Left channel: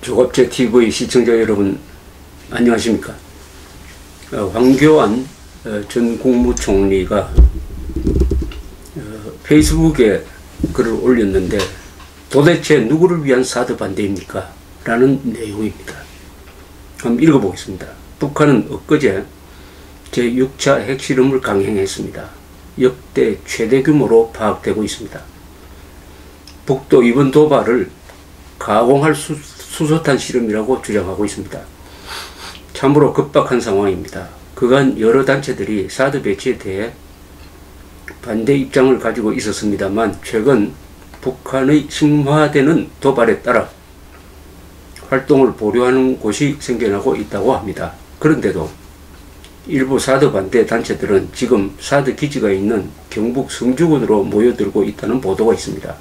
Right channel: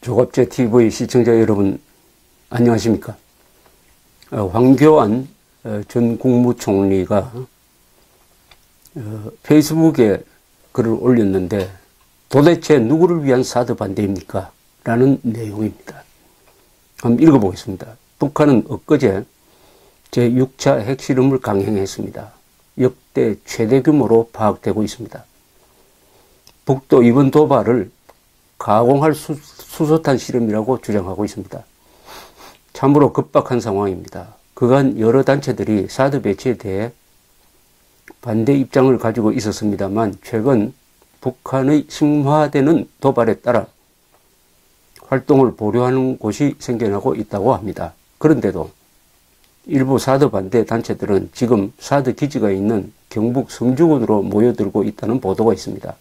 조갑제TV 시청자 여러분 안녕하십니까. 황교안 전 국무총리가 페이스북에 글을 올렸는데 도대체 누구를 위한 사드 반대입니까? 라는 내용입니다. 한번 읽어보겠습니다. 북한은 엊그제 제6차 핵실험을 강행했습니다. 역대 최대 규모로 파악되고 있습니다. 북도 이번 도발을 가공할 수소탄 실험이라고 주장하고 있습니다. 참으로 급박한 상황입니다. 그간 여러 단체들이 사드 배치에 대해 반대 입장을 가지고 있었습니다만 최근 북한의 심화되는 도발에 따라 활동을 보류하는 곳이 생겨나고 있다고 합니다. 그런데도 일부 사드 반대 단체들은 지금 사드 기지가 있는 경북 성주군으로 모여들고 있다는 보도가 있습니다.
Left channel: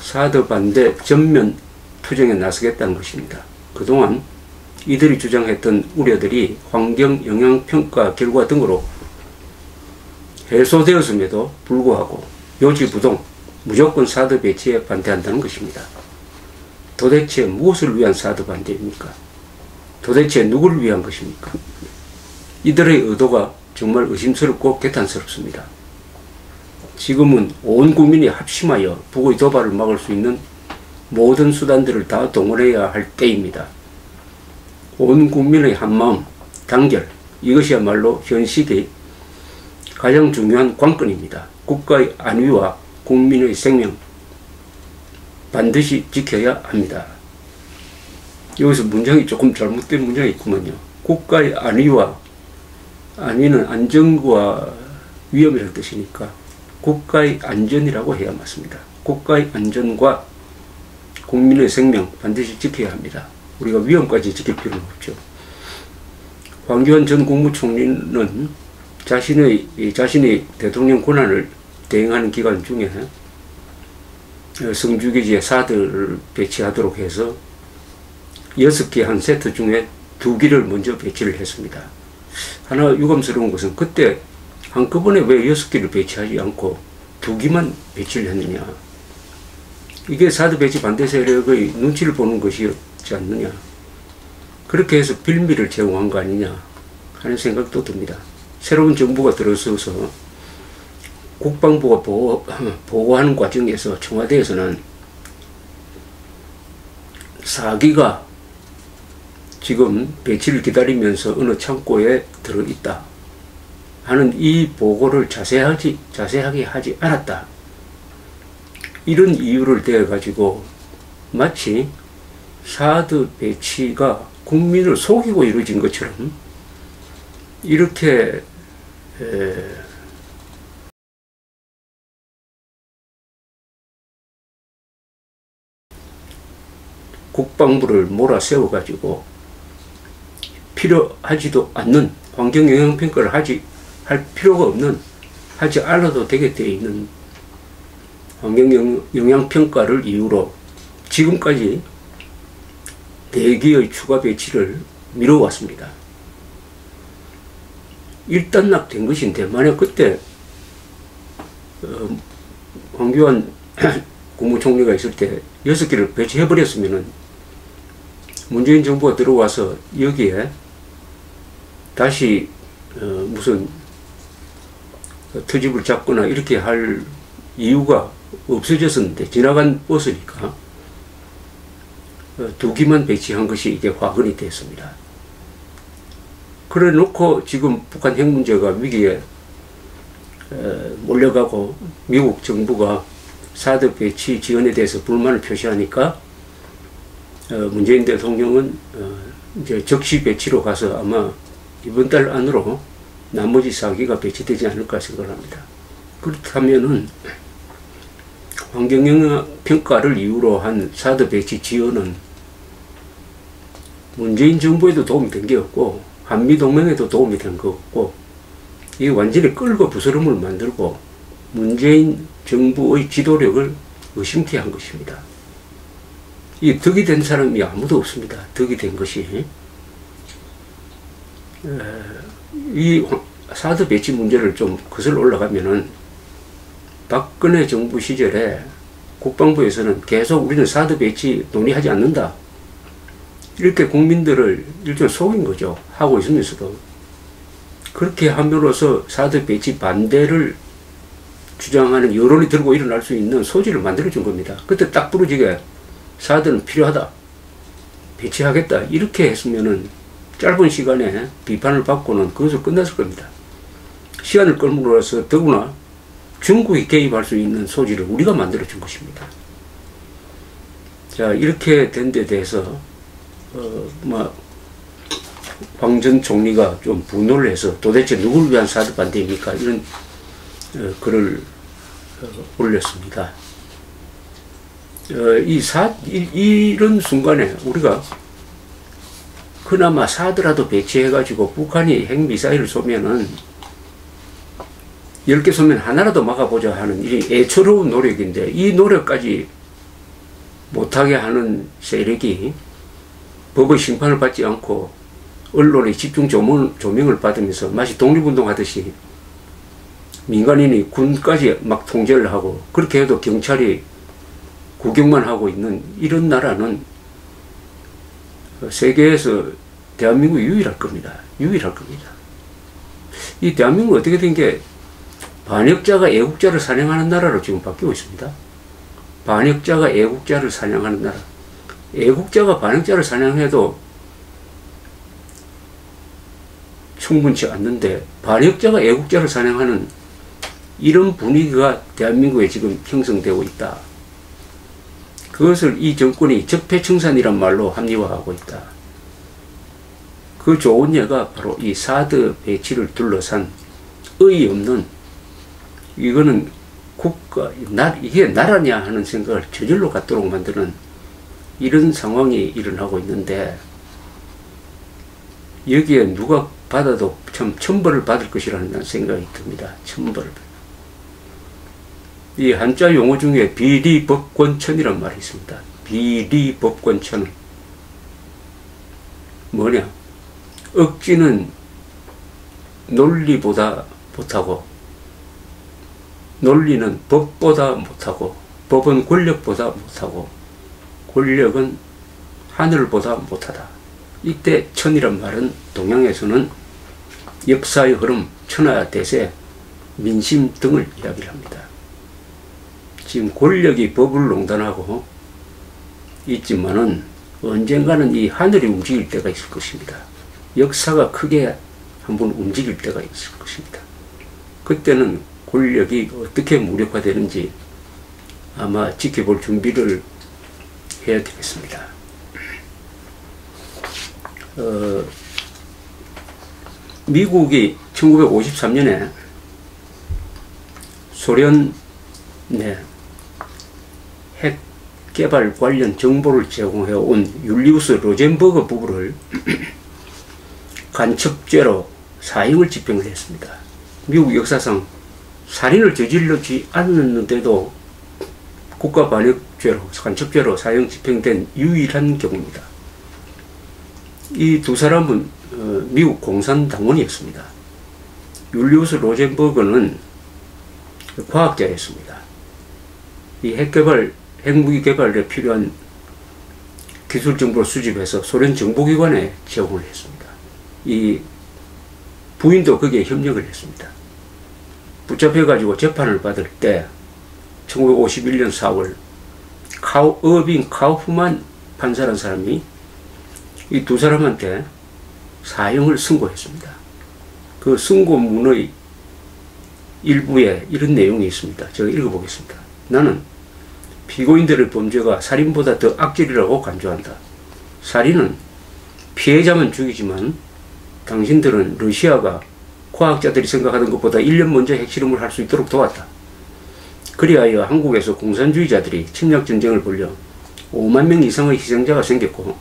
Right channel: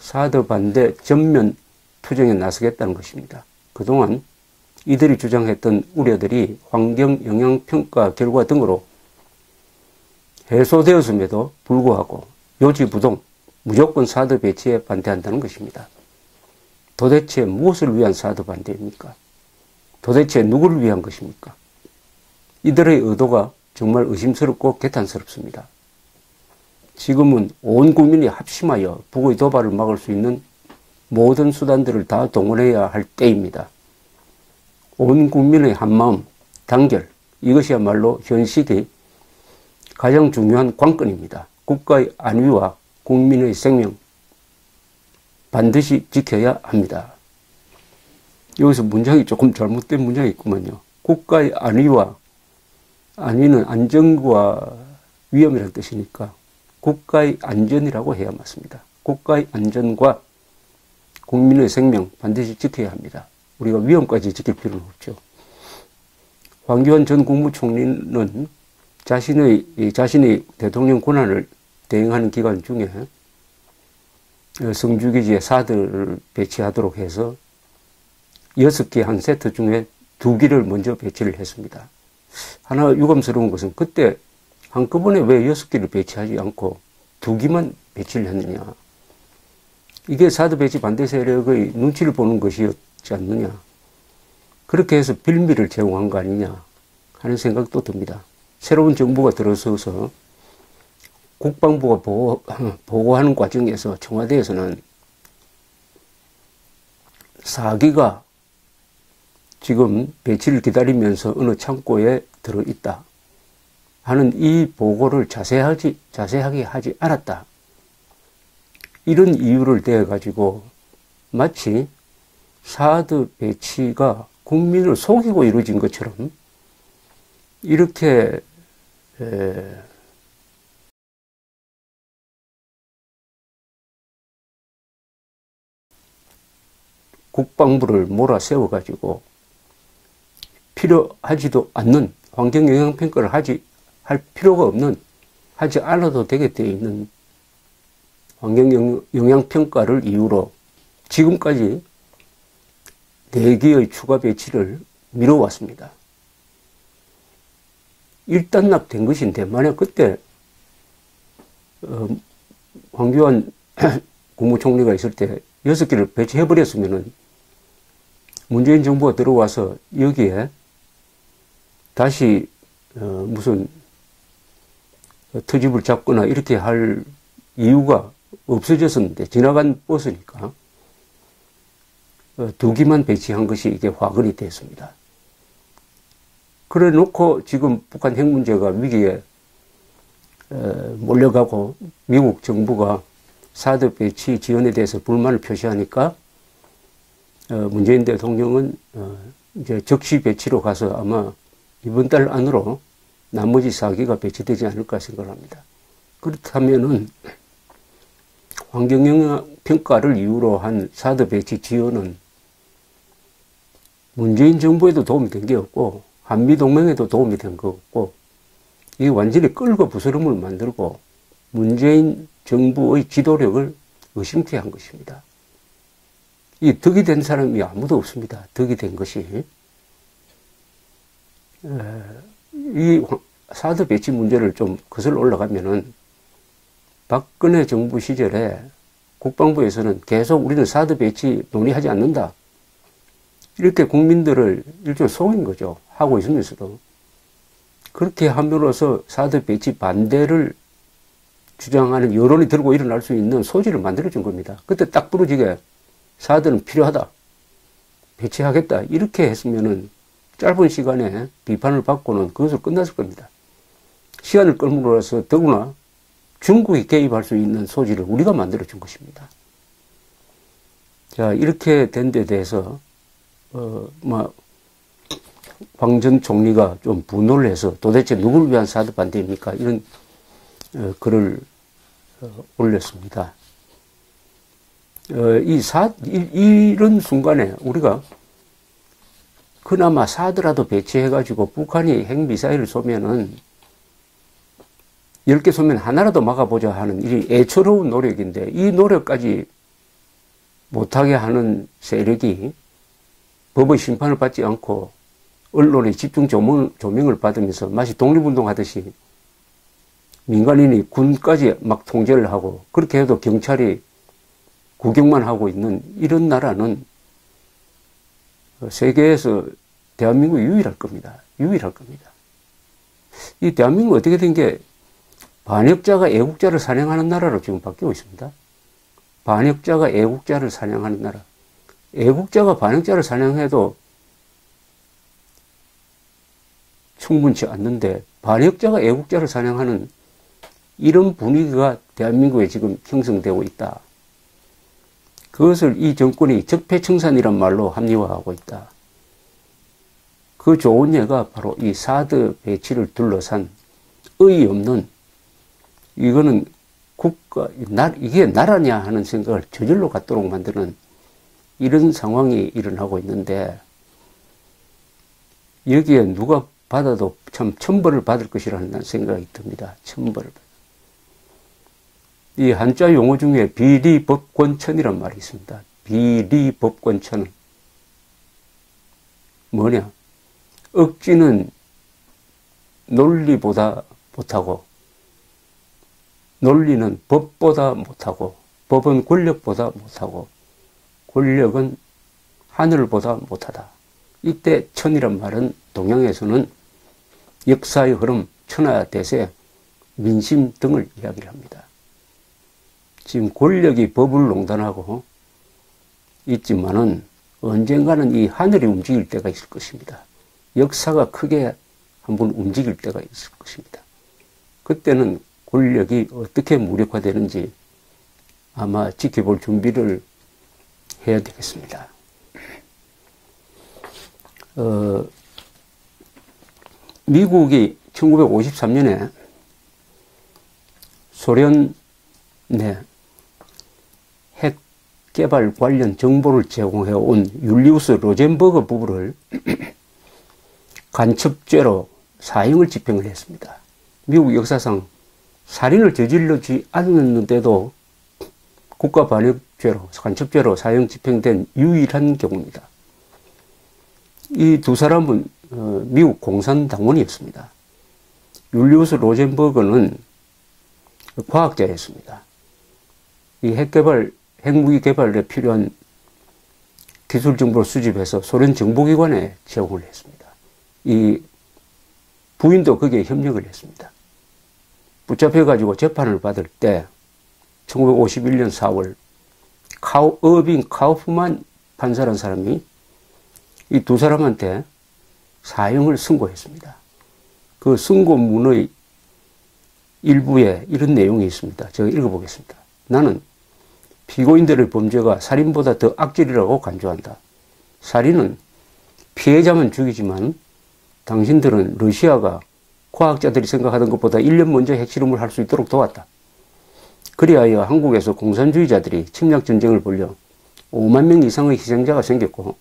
사드 반대 전면 투쟁에 나서겠다는 것입니다. 그동안 이들이 주장했던 우려들이 환경영향평가 결과 등으로 해소되었음에도 불구하고 요지부동 무조건 사드 배치에 반대한다는 것입니다. 도대체 무엇을 위한 사드 반대입니까? 도대체 누구를 위한 것입니까? 이들의 의도가 정말 의심스럽고 개탄스럽습니다. 지금은 온 국민이 합심하여 북의 도발을 막을 수 있는 모든 수단들을 다 동원해야 할 때입니다. 온 국민의 한마음, 단결, 이것이야말로 현 시기 가장 중요한 관건입니다. 국가의 안위와 국민의 생명 반드시 지켜야 합니다. 여기서 문장이 조금 잘못된 문장이 있구만요. 국가의 안위는 안전과 위험이라는 뜻이니까 국가의 안전이라고 해야 맞습니다. 국가의 안전과 국민의 생명 반드시 지켜야 합니다. 우리가 위험까지 지킬 필요는 없죠. 황교안 전 국무총리는 자신의 대통령 권한을 대행하는 기간 중에 성주기지에 사드를 배치하도록 해서 6개 한 세트 중에 2기를 먼저 배치를 했습니다. 하나 유감스러운 것은 그때 한꺼번에 왜 6기를 배치하지 않고 2기만 배치를 했느냐. 이게 사드 배치 반대 세력의 눈치를 보는 것이었지 않느냐. 그렇게 해서 빌미를 제공한 거 아니냐 하는 생각도 듭니다. 새로운 정부가 들어서서 국방부가 보고하는 과정에서 청와대에서는 4기가 지금 배치를 기다리면서 어느 창고에 들어있다 하는 이 보고를 자세하게 하지 않았다. 이런 이유를 대가지고 마치 사드 배치가 국민을 속이고 이루어진 것처럼 이렇게 국방부를 몰아세워가지고 필요하지도 않는 환경영향평가를 할 필요가 없는, 하지 않아도 되게 되어 있는 환경영향평가를 이유로 지금까지 4기의 추가 배치를 미뤄왔습니다. 일단락된 것인데 만약 그때 황교안 국무총리가 있을 때 6기를 배치해버렸으면 문재인 정부가 들어와서 여기에 다시 무슨 트집을 잡거나 이렇게 할 이유가 없어졌었는데 지나간 버스니까 2기만 배치한 것이 이게 화근이 됐습니다. 그래 놓고 지금 북한 핵 문제가 위기에 몰려가고 미국 정부가 사드 배치 지원에 대해서 불만을 표시하니까 문재인 대통령은 이제 적시 배치로 가서 아마 이번 달 안으로 나머지 4기가 배치되지 않을까 생각합니다. 그렇다면은 환경영향 평가를 이유로 한 사드 배치 지원은 문재인 정부에도 도움이 된 게 없고 한미동맹에도 도움이 된 거 없고 이게 완전히 끌고 부스럼을 만들고 문재인 정부의 지도력을 의심케 한 것입니다. 이 덕이 된 사람이 아무도 없습니다. 덕이 된 것이. 이 사드 배치 문제를 좀 거슬러 올라가면은 박근혜 정부 시절에 국방부에서는 계속 우리는 사드 배치 논의하지 않는다. 이렇게 국민들을 일종의 속인 거죠. 하고 있으면서도. 그렇게 함으로써 사드 배치 반대를 주장하는 여론이 들고 일어날 수 있는 소지를 만들어준 겁니다. 그때 딱 부러지게 사드는 필요하다. 배치하겠다. 이렇게 했으면은 짧은 시간에 비판을 받고는 그것으로 끝났을 겁니다. 시간을 끌므로써 더구나 중국이 개입할 수 있는 소지를 우리가 만들어준 것입니다. 자, 이렇게 된 데 대해서 황 전 총리가 좀 분노를 해서 도대체 누구를 위한 사드 반대입니까? 이런 글을 올렸습니다. 이런 순간에 우리가 그나마 사드라도 배치해가지고 북한이 핵미사일을 쏘면은 10개 쏘면 하나라도 막아보자 하는 이 애처로운 노력인데 이 노력까지 못하게 하는 세력이 법의 심판을 받지 않고 언론의 집중 조명을 받으면서 마치 독립운동 하듯이 민간인이 군까지 막 통제를 하고 그렇게 해도 경찰이 구경만 하고 있는 이런 나라는 세계에서 대한민국이 유일할 겁니다. 유일할 겁니다. 이 대한민국은 어떻게 된 게 반역자가 애국자를 사냥하는 나라로 지금 바뀌고 있습니다. 반역자가 애국자를 사냥하는 나라. 애국자가 반역자를 사냥해도 충분치 않는데 반역자가 애국자를 사냥하는 이런 분위기가 대한민국에 지금 형성되고 있다. 그것을 이 정권이 적폐청산이란 말로 합리화하고 있다. 그 좋은 예가 바로 이 사드 배치를 둘러싼 의의 없는 이거는 이게 나라냐 하는 생각을 저절로 갖도록 만드는 이런 상황이 일어나고 있는데 여기에 누가 받아도 참 천벌을 받을 것이라는 생각이 듭니다. 천벌. 이 한자 용어 중에 비리법권천이란 말이 있습니다. 비리법권천은 뭐냐? 억지는 논리보다 못하고 논리는 법보다 못하고 법은 권력보다 못하고 권력은 하늘보다 못하다. 이때 천이란 말은 동양에서는 역사의 흐름, 천하 대세, 민심 등을 이야기를 합니다. 지금 권력이 법을 농단하고 있지만은 언젠가는 이 하늘이 움직일 때가 있을 것입니다. 역사가 크게 한번 움직일 때가 있을 것입니다. 그때는 권력이 어떻게 무력화되는지 아마 지켜볼 준비를 해야 되겠습니다. 미국이 1953년에 소련 내 핵 개발 관련 정보를 제공해온 율리우스 로젠버그 부부를 간첩죄로 사형을 집행을 했습니다. 미국 역사상 살인을 저지르지 않았는데도 국가반역죄로 간첩죄로 사형 집행된 유일한 경우입니다. 이 두 사람은 미국 공산당원이었습니다. 율리우스 로젠버그는 과학자였습니다. 이 핵무기 개발에 필요한 기술 정보를 수집해서 소련 정보기관에 제공을 했습니다. 이 부인도 거기에 협력을 했습니다. 붙잡혀가지고 재판을 받을 때 1951년 4월 어빙 카우프만 판사라는 사람이 이 두 사람한테 사형을 선고했습니다. 그 선고문의 일부에 이런 내용이 있습니다. 제가 읽어보겠습니다. 나는 피고인들의 범죄가 살인보다 더 악질이라고 간주한다. 살인은 피해자만 죽이지만 당신들은 러시아가 과학자들이 생각하던 것보다 1년 먼저 핵실험을 할 수 있도록 도왔다. 그리하여 한국에서 공산주의자들이 침략전쟁을 벌여 5만 명 이상의 희생자가 생겼고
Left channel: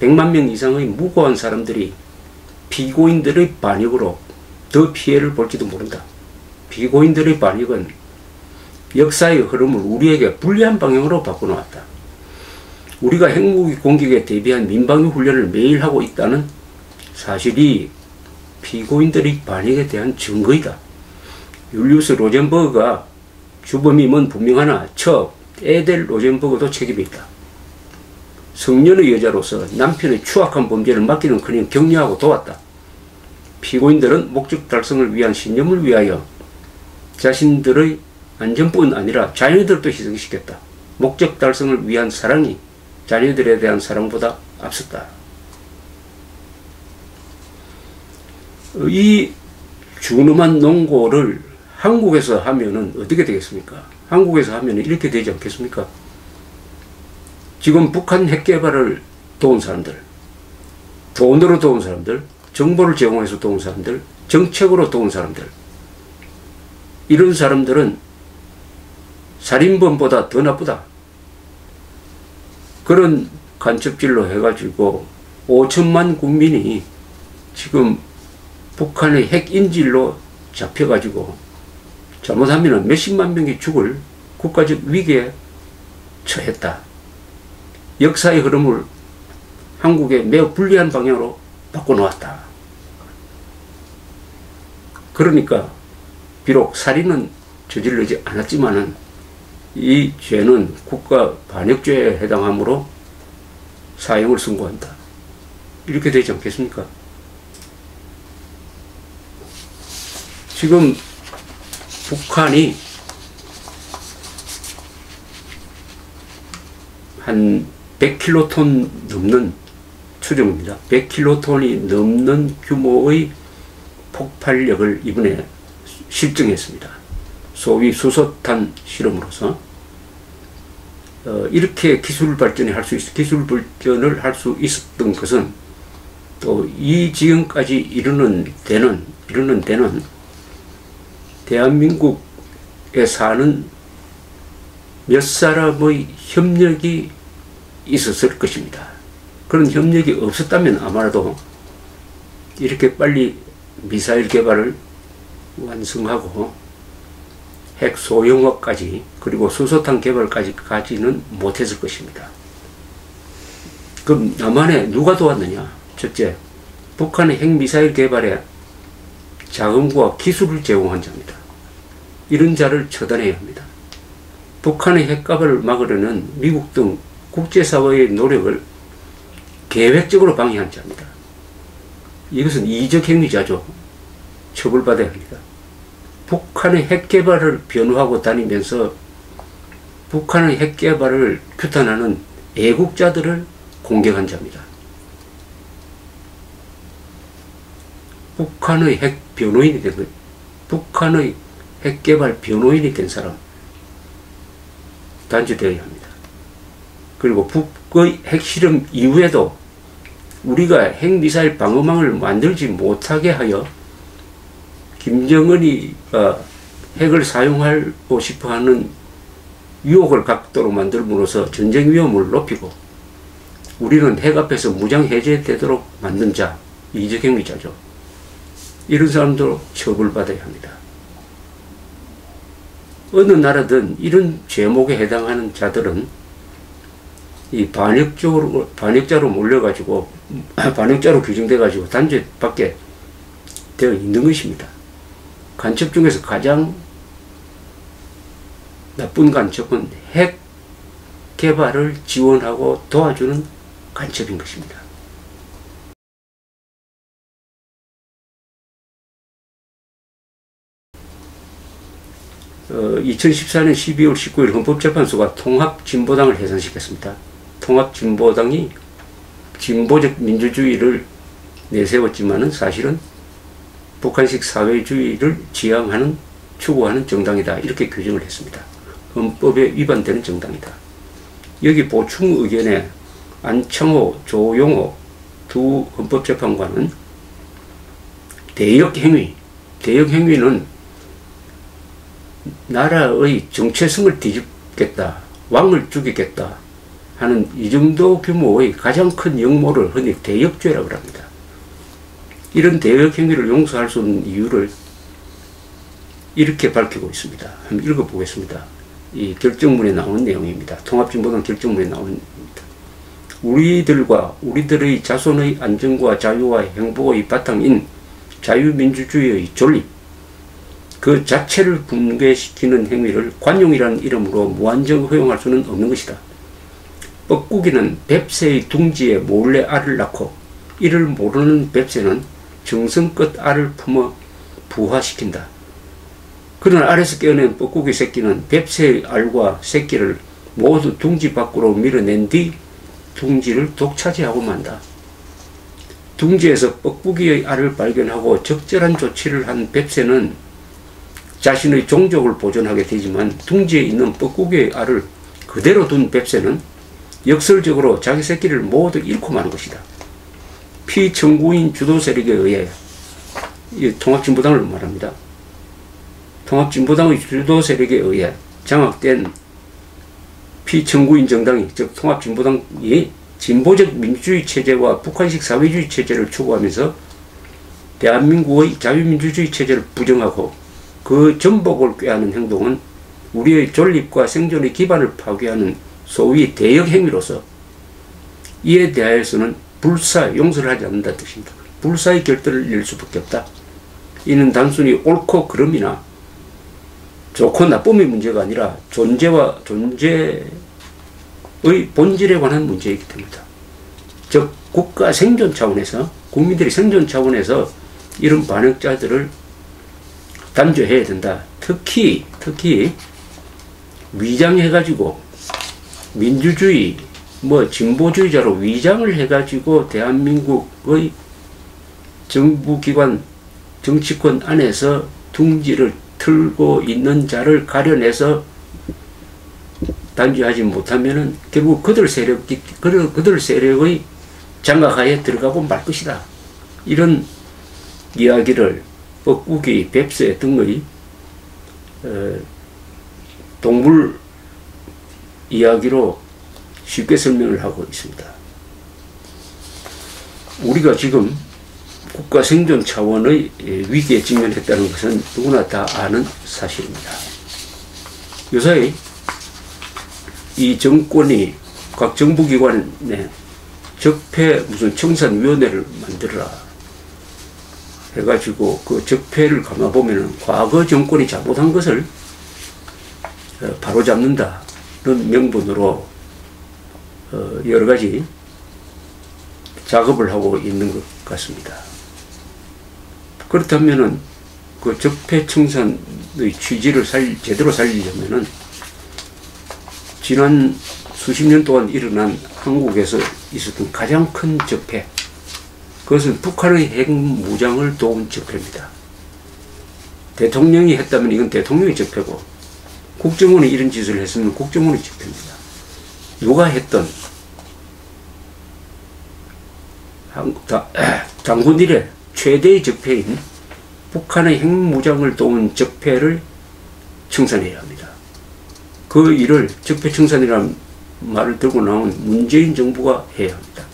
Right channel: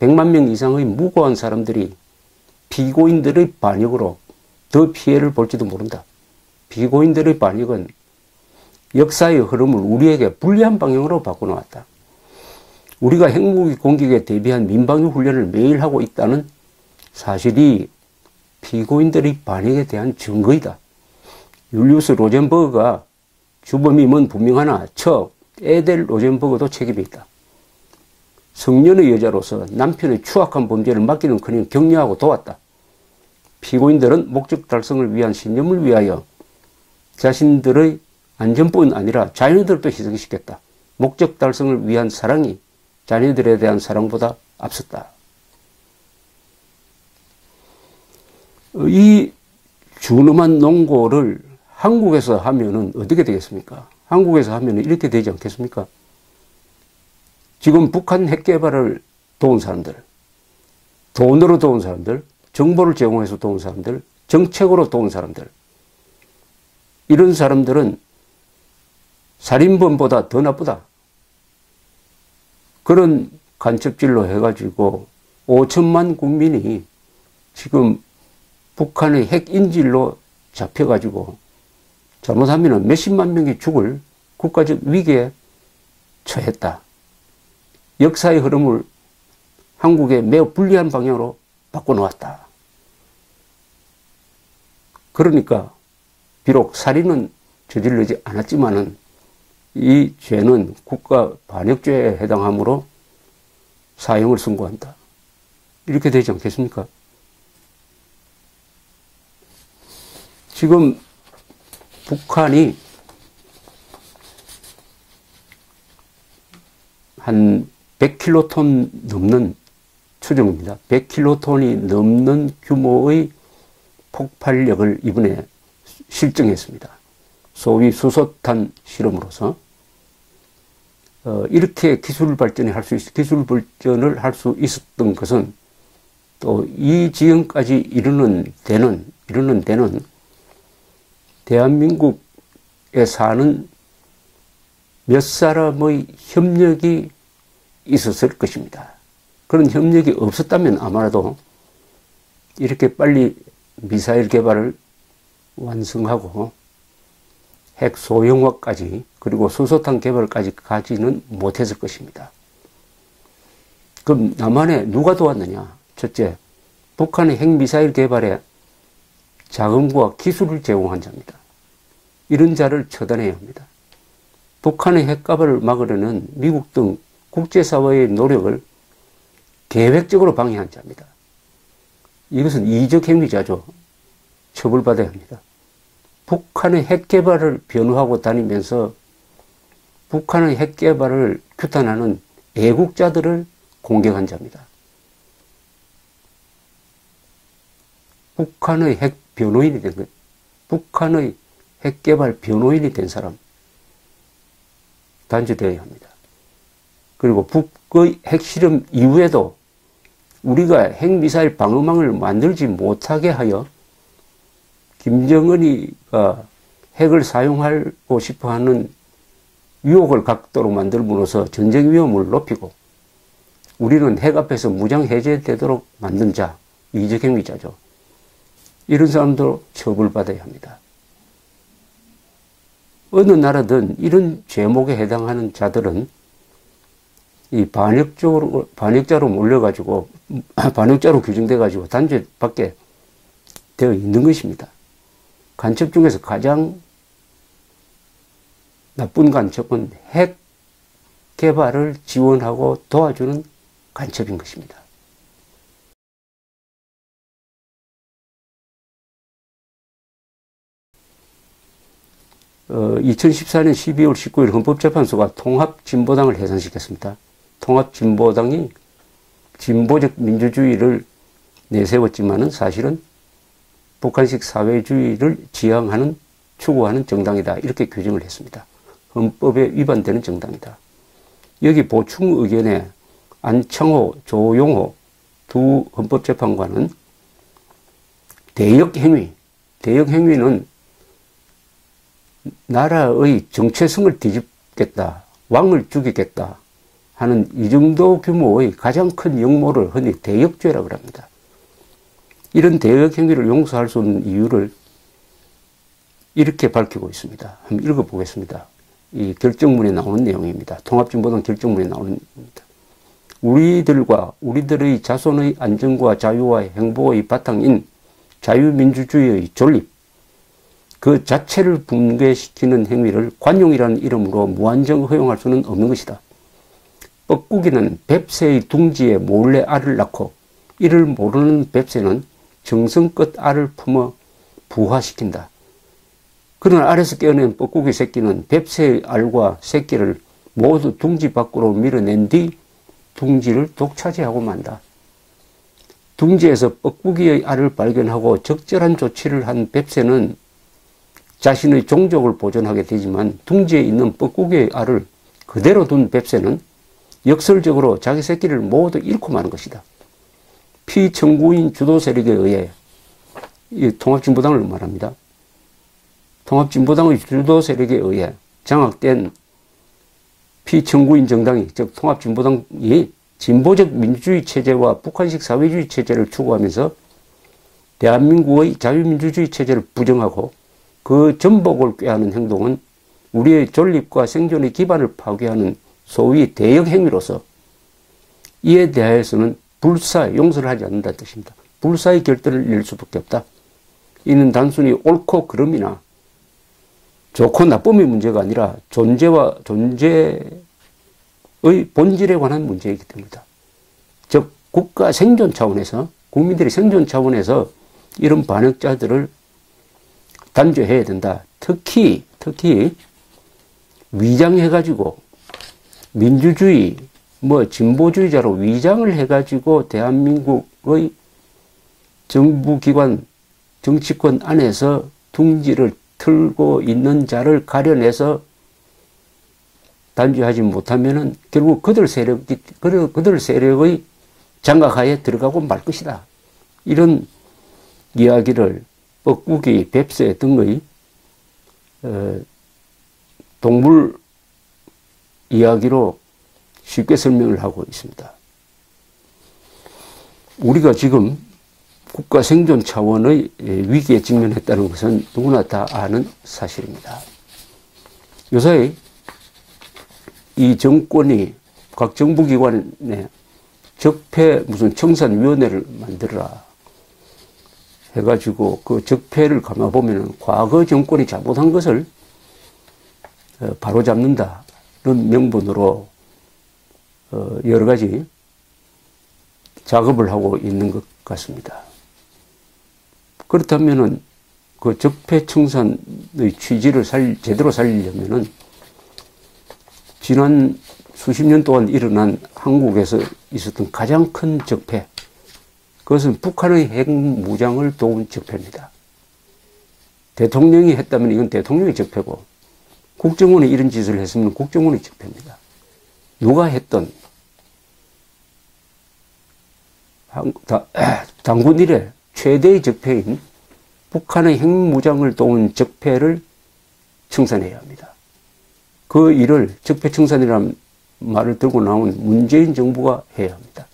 100만 명 이상의 무고한 사람들이 피고인들의 반역으로 더 피해를 볼지도 모른다. 피고인들의 반역은 역사의 흐름을 우리에게 불리한 방향으로 바꿔놓았다. 우리가 핵무기 공격에 대비한 민방위 훈련을 매일 하고 있다는 사실이 피고인들의 반역에 대한 증거이다. 율리우스 로젠버그가 주범임은 분명하나 에델 로젠버그도 책임이 있다. 성년의 여자로서 남편의 추악한 범죄를 맡기는커녕 격려하고 도왔다. 피고인들은 목적 달성을 위한 신념을 위하여 자신들의 안전뿐 아니라 자녀들도 희생시켰다. 목적 달성을 위한 사랑이 자녀들에 대한 사랑보다 앞섰다. 이 준엄한 농고를 한국에서 하면은 어떻게 되겠습니까? 한국에서 하면은 이렇게 되지 않겠습니까? 지금 북한 핵 개발을 도운 사람들, 돈으로 도운 사람들, 정보를 제공해서 도운 사람들, 정책으로 도운 사람들, 이런 사람들은 살인범보다 더 나쁘다. 그런 간첩질로 해가지고 5천만 국민이 지금 북한의 핵 인질로 잡혀가지고 잘못하면 몇십만 명이 죽을 국가적 위기에 처했다. 역사의 흐름을 한국에 매우 불리한 방향으로 바꿔놓았다. 그러니까 비록 살인은 저지르지 않았지만은 이 죄는 국가 반역죄에 해당하므로 사형을 선고한다. 이렇게 되지 않겠습니까? 지금 북한이 한 100킬로톤 넘는 추정입니다. 100킬로톤이 넘는 규모의 폭발력을 이번에 실증했습니다. 소위 수소탄 실험으로서 이렇게 기술 발전을 할 수 있었던 것은 또 이 지경까지 이르는 데는 대한민국에 사는 몇 사람의 협력이 있었을 것입니다. 그런 협력이 없었다면 아마도 이렇게 빨리 미사일 개발을 완성하고 핵 소형화까지 그리고 수소탄 개발까지 가지는 못했을 것입니다. 그럼 남한에 누가 도왔느냐? 첫째, 북한의 핵미사일 개발에 자금과 기술을 제공한 자입니다. 이런 자를 처단해야 합니다. 북한의 핵가발을 막으려는 미국 등 국제사회의 노력을 계획적으로 방해한 자입니다. 이것은 이적 행위자죠. 처벌받아야 합니다. 북한의 핵개발을 변호하고 다니면서 북한의 핵개발을 규탄하는 애국자들을 공격한 자입니다. 북한의 핵 변호인이 된 거예요. 북한의 핵개발 변호인이 된 사람 단죄되어야 합니다. 그리고 북의 핵실험 이후에도 우리가 핵미사일 방어망을 만들지 못하게 하여 김정은이 핵을 사용하고 싶어하는 유혹을 갖도록 만들므로써 전쟁 위험을 높이고 우리는 핵 앞에서 무장 해제되도록 만든 자, 이적 행위자죠. 이런 사람도 처벌받아야 합니다. 어느 나라든 이런 죄목에 해당하는 자들은 이 반역자로 몰려가지고 반역자로 규정돼가지고 단죄받게 되어 있는 것입니다. 간첩 중에서 가장 나쁜 간첩은 핵 개발을 지원하고 도와주는 간첩인 것입니다. 2014년 12월 19일 헌법재판소가 통합진보당을 해산시켰습니다. 통합진보당이 진보적 민주주의를 내세웠지만은 사실은 북한식 사회주의를 지향하는 추구하는 정당이다. 이렇게 규정을 했습니다. 헌법에 위반되는 정당이다. 여기 보충 의견에 안창호, 조용호 두 헌법재판관은 대역행위는 나라의 정체성을 뒤집겠다, 왕을 죽이겠다 하는 이 정도 규모의 가장 큰 역모를 흔히 대역죄라고 합니다. 이런 대역행위를 용서할 수 없는 이유를 이렇게 밝히고 있습니다. 한번 읽어보겠습니다. 이 결정문에 나오는 내용입니다. 통합진보당 결정문에 나오는 내용입니다. 우리들과 우리들의 자손의 안전과 자유와 행복의 바탕인 자유민주주의의 존립, 그 자체를 붕괴시키는 행위를 관용이라는 이름으로 무한정 허용할 수는 없는 것이다. 뻐꾸기는 뱁새의 둥지에 몰래 알을 낳고 이를 모르는 뱁새는 정성껏 알을 품어 부화시킨다. 그러나 알에서 깨어낸 뻐꾸기 새끼는 뱁새의 알과 새끼를 모두 둥지 밖으로 밀어낸 뒤 둥지를 독차지하고 만다. 둥지에서 뻐꾸기의 알을 발견하고 적절한 조치를 한 뱁새는 자신의 종족을 보존하게 되지만 둥지에 있는 뻐꾸기의 알을 그대로 둔 뱁새는 역설적으로 자기 새끼를 모두 잃고 마는 것이다. 피청구인 주도 세력에 의해, 이 통합진보당을 말합니다. 통합진보당의 주도 세력에 의해 장악된 피청구인 정당이, 즉 통합진보당이 진보적 민주주의 체제와 북한식 사회주의 체제를 추구하면서 대한민국의 자유민주주의 체제를 부정하고 그 전복을 꾀하는 행동은 우리의 존립과 생존의 기반을 파괴하는 소위 대역 행위로서 이에 대하여서는 불사 용서를 하지 않는다는 뜻입니다. 불사의 결단을 낼 수밖에 없다. 이는 단순히 옳고 그름이나 좋고 나쁨의 문제가 아니라 존재와 존재의 본질에 관한 문제이기 때문이다. 즉 국가 생존 차원에서, 국민들의 생존 차원에서 이런 반역자들을 단죄해야 된다. 특히 위장해가지고 민주주의, 진보주의자로 위장을 해가지고 대한민국의 정부기관, 정치권 안에서 둥지를 틀고 있는 자를 가려내서 단죄하지 못하면은 결국 그들 세력의 장악하에 들어가고 말 것이다. 이런 이야기를 뻐꾸기, 뱁새 등의 동물 이야기로 쉽게 설명을 하고 있습니다. 우리가 지금 국가 생존 차원의 위기에 직면했다는 것은 누구나 다 아는 사실입니다. 요새 이 정권이 각 정부기관에 적폐 무슨 청산위원회를 만들어라 해가지고 그 적폐를 감아보면 과거 정권이 잘못한 것을 바로잡는다는 명분으로 여러 가지 작업을 하고 있는 것 같습니다. 그렇다면은 그 적폐 청산의 취지를 제대로 살리려면은 지난 수십 년 동안 일어난 한국에서 있었던 가장 큰 적폐, 그것은 북한의 핵무장을 도운 적폐입니다. 대통령이 했다면 이건 대통령의 적폐고, 국정원이 이런 짓을 했으면 국정원의 적폐입니다. 누가 했던 단군 이래 최대의 적폐인 북한의 핵무장을 도운 적폐를 청산해야 합니다. 그 일을 적폐 청산이라는 말을 들고 나온 문재인 정부가 해야 합니다.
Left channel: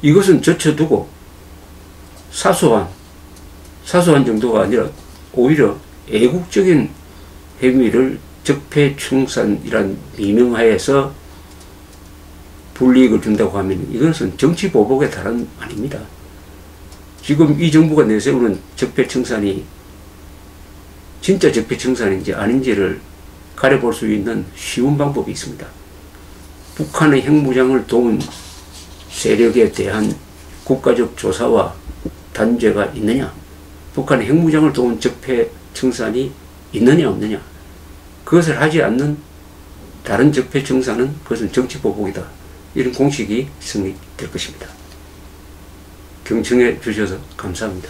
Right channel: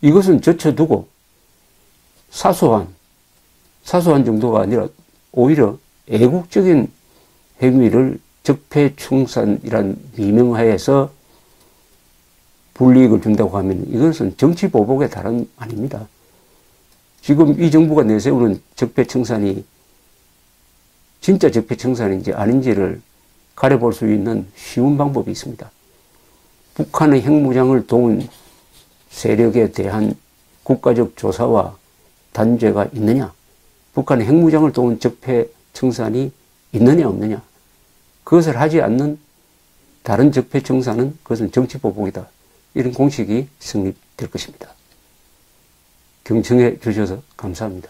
이것은 젖혀두고 사소한 정도가 아니라 오히려 애국적인 행위를 적폐 청산이란 미명하에서 불이익을 준다고 하면 이것은 정치 보복의 다름 아닙니다. 지금 이 정부가 내세우는 적폐 청산이 진짜 적폐 청산인지 아닌지를 가려볼 수 있는 쉬운 방법이 있습니다. 북한의 핵무장을 도운 세력에 대한 국가적 조사와 단죄가 있느냐, 북한의 핵무장을 도운 적폐 청산이 있느냐 없느냐, 그것을 하지 않는 다른 적폐 청산은 그것은 정치 보복이다. 이런 공식이 성립될 것입니다. 경청해 주셔서 감사합니다.